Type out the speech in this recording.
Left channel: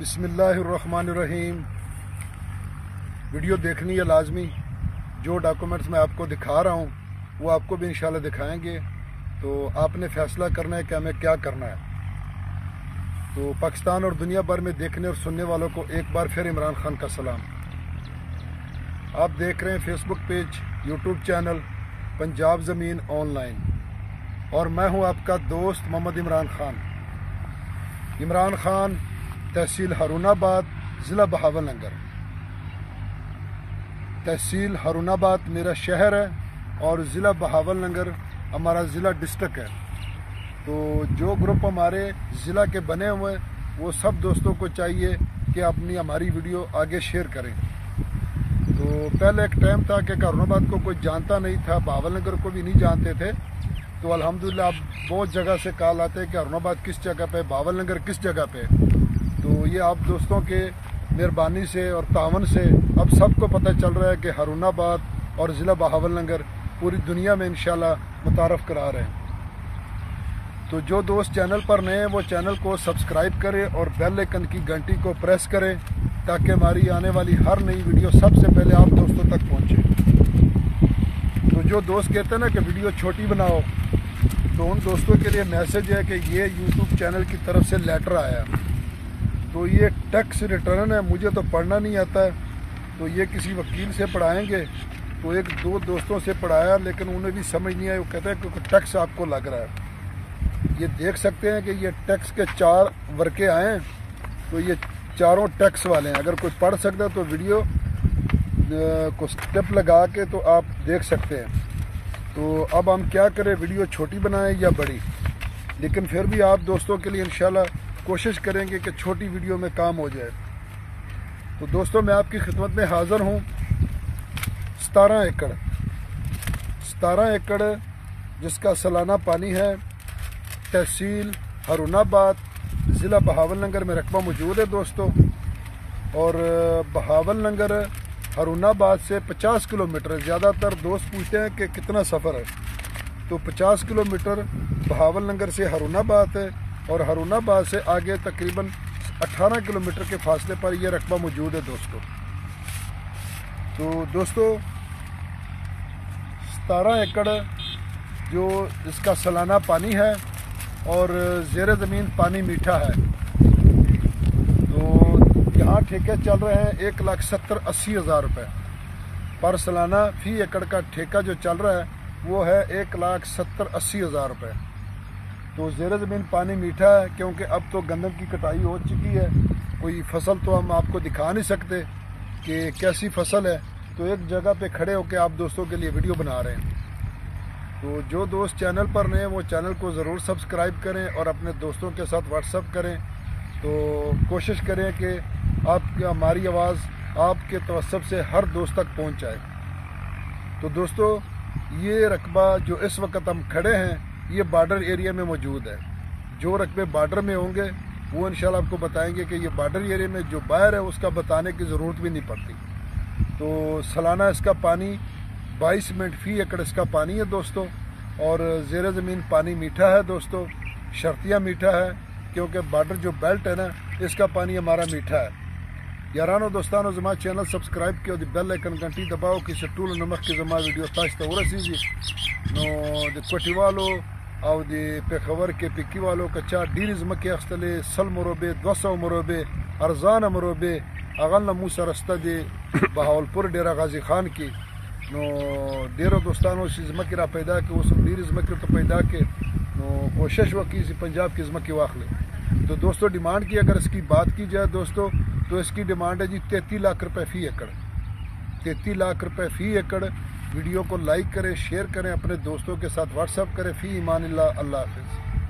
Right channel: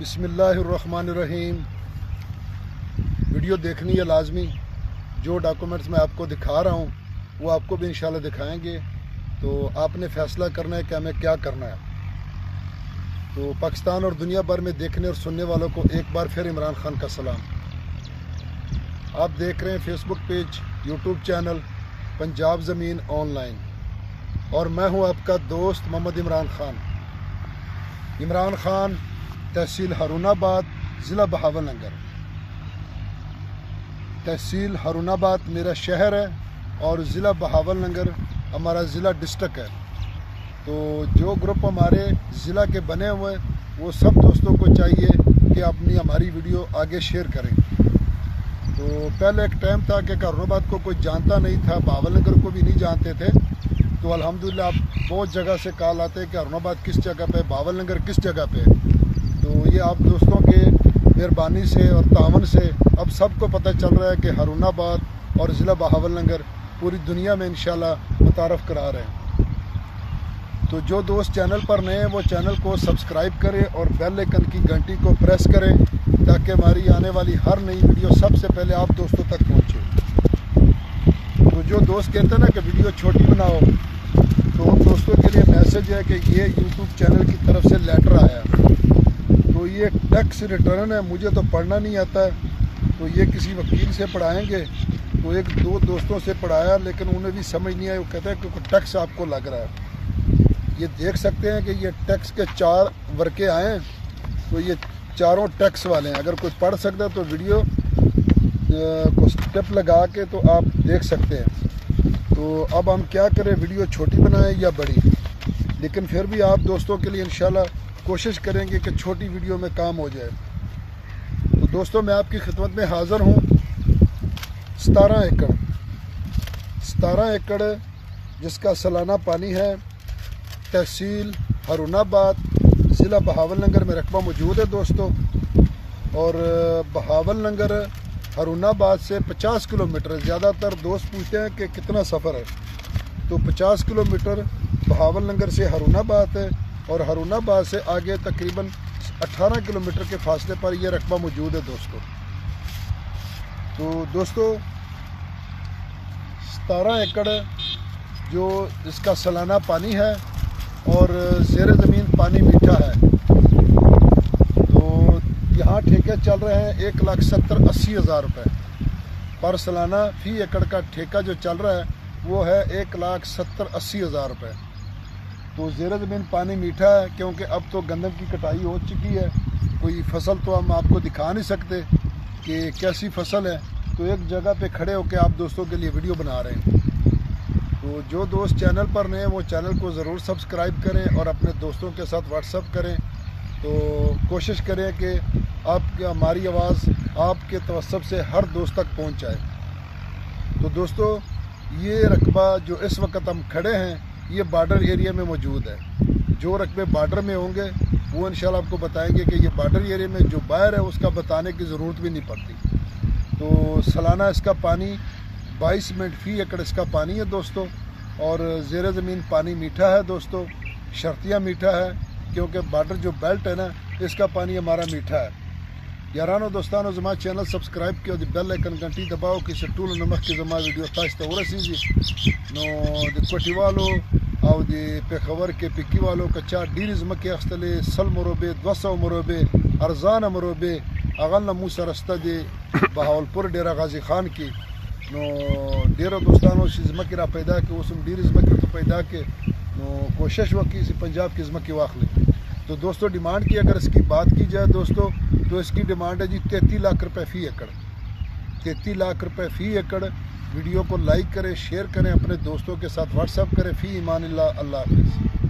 بسم اللہ الرحمن الرحیم۔ ویڈیو دیکھنی ہے لازمی۔ جو ڈاکومنٹس میں آپ کو دکھا رہا ہوں وہ آپ کو بھی انشاءاللہ دکھائیں گے، تو آپ نے فیصلہ کرنا ہے کہ ہمیں کیا کرنا ہے۔ تو پاکستان اور دنیا بھر میں دیکھنے اور سننے والوں کو ایک بار پھر عمران خان کا سلام۔ آپ دیکھ رہے ہیں فیس بک پیج، یوٹیوب چینل پنجاب زمین آن لائن، اور میں ہوں آپ کا دوست محمد عمران خان۔ عمران خان، تحصیل ہارون آباد، ضلع بہاولنگر۔ تحصیل ہارون آباد میرا شہر ہے اور ضلع بہاولنگر ہمارا ضلع ڈسٹرکٹ ہے۔ تو جو گروپ ہمارے ضلع کے بنے ہوئے وہ سب دوستوں کو چاہیے کہ ہماری ویڈیو آگے شیئر کریں۔ تو پہلے ایک ٹائم تھا کہ ہارون آباد کو کوئی جانتا نہیں تھا، بہاولنگر کو بھی نہیں جانتے تھے۔ تو الحمدللہ اب بہت جگہ سے کال آتے ہیں کہ ہارون آباد کس جگہ پہ، بہاولنگر کس جگہ پہ۔ تو یہ آپ دوستوں کے مہربانی سے اور تعاون سے اب سب کو پتہ چل رہا ہے کہ ہارون آباد اور ضلع بہاولنگر پوری دنیا میں انشاءاللہ متعارف کرا رہے ہیں۔ تو جو دوست چینل پر نئے ہیں وہ چینل کو سبسکرائب کریں اور بیل آئیکن کی گھنٹی کو پریس کریں تاکہ ہماری آنے والی ہر نئی ویڈیو سب سے پہلے آپ دوستوں تک پہنچے۔ تو جو دوست کہتے ہیں نا کہ ویڈیو چھوٹی بناؤ، تو ان دوستوں کے لیے میسج ہے کہ یہ یوٹیوب چینل کی طرف سے لیٹر آیا ہے۔ تو یہ ٹیکس ریٹرن ہے، مجھے تو پڑھنا نہیں آتا ہے، تو یہ کسی وکیل سے پڑھائیں گے۔ تو ایک دو دوستوں سے پڑھایا لیکن انہیں بھی سمجھ نہیں آئی، وہ کہتے ہیں کہ ٹیکس آپ کو لگ رہا ہے۔ یہ دیکھ سکتے ہیں کہ یہ ٹیکس کے 4 ورقے آئے ہیں، تو یہ چاروں ٹیکس والے ہیں۔ اگر کوئی پڑھ سکتا ہے تو ویڈیو کو سٹیپ لگا کے تو آپ دیکھ سکتے ہیں۔ تو اب ہم کیا کریں، ویڈیو چھوٹی بنائیں یا بڑی، لیکن پھر بھی آپ دوستوں کے لیے انشاءاللہ کوشش کریں گے کہ چھوٹی ویڈیو میں کام ہو جائے۔ تو دوستوں میں آپ کی خدمت میں حاضر ہوں۔ 17 ایکڑ جس کا سالانہ پانی ہے، تحصیل ہارون آباد، ضلع بہاولنگر میں رقبہ موجود ہے دوستوں۔ اور بہاولنگر ہارون آباد سے 50 کلومیٹر، زیادہ تر دوست پوچھتے ہیں کہ کتنا سفر ہے، تو 50 کلومیٹر بہاولنگر سے ہارون آباد ہے، اور ہارون آباد سے آگے تقریباً 18 کلومیٹر کے فاصلے پر یہ رقبہ موجود ہے دوستوں۔ تو دوستوں 17 ایکڑ جو اس کا سالانہ پانی ہے اور زیر زمین پانی میٹھا ہے۔ تو یہاں ٹھیکے چل رہے ہیں 1,70,80,000 روپے پر سالانہ۔ فی ایکڑ کا ٹھیکہ جو چل رہا ہے وہ ہے 1,70,80,000 روپے۔ تو زیر زمین پانی میٹھا ہے کیونکہ اب تو گندم کی کٹائی ہو چکی ہے، کوئی فصل تو ہم آپ کو دکھا نہیں سکتے کہ کیسی فصل ہے، تو ایک جگہ پہ کھڑے ہو کے آپ دوستوں کے لیے ویڈیو بنا رہے ہیں۔ تو جو دوست چینل پر نئے ہیں وہ چینل کو ضرور سبسکرائب کریں اور اپنے دوستوں کے ساتھ واٹس ایپ کریں۔ تو کوشش کریں کہ ہماری آواز آپ کے توسط سے ہر دوست تک پہنچ جائے۔ تو دوستوں یہ رقبہ جو اس وقت ہم کھڑے ہیں یہ بارڈر ایریا میں موجود ہے۔ جو رقبے بارڈر میں ہوں گے وہ انشاءاللہ آپ کو بتائیں گے کہ یہ بارڈر ایریا میں جو باہر ہے اس کا بتانے کی ضرورت بھی نہیں پڑتی۔ تو سالانہ اس کا پانی 22 منٹ فی ایکڑ اس کا پانی ہے دوستوں، اور زیر زمین پانی میٹھا ہے دوستوں، شرطیہ میٹھا ہے کیونکہ بارڈر جو بیلٹ ہے نا اس کا پانی ہمارا میٹھا ہے۔ یارانو دوستانو زما چینل سبسکرائب کیا، بیل آئیکن گھنٹی دباؤ کہ سے ټول نمخ کې زما ویډیو تاسو ته ورسیږي۔ نو د کوټي والو او د پیښور کې پکی والو کچا ډیر ځمکې اخیستلې، 100 مربع 200 مربع ارزانه مربع هغه نه مو سره شته د بهاولپور ډیره غازي خان کې۔ نو ډیرو دوستانو چې ځمکې را پیدا کړي، اوس هم ډیرې ځمکې ورته پیدا کړي، نو کوشش وکړي چې پنجاب کې ځمکې واخلي۔ تو دوستوں ڈیمانڈ کی اگر اس کی بات کی جائے دوستوں تو اس کی ڈیمانڈ ہے جی 33 لاکھ روپے فی ایکڑ۔ 33 لاکھ روپے فی ایکڑ۔ ویڈیو کو لائک کریں، شیئر کریں، اپنے دوستوں کے ساتھ واٹس ایپ کریں۔ فی امان اللہ، اللہ حافظ۔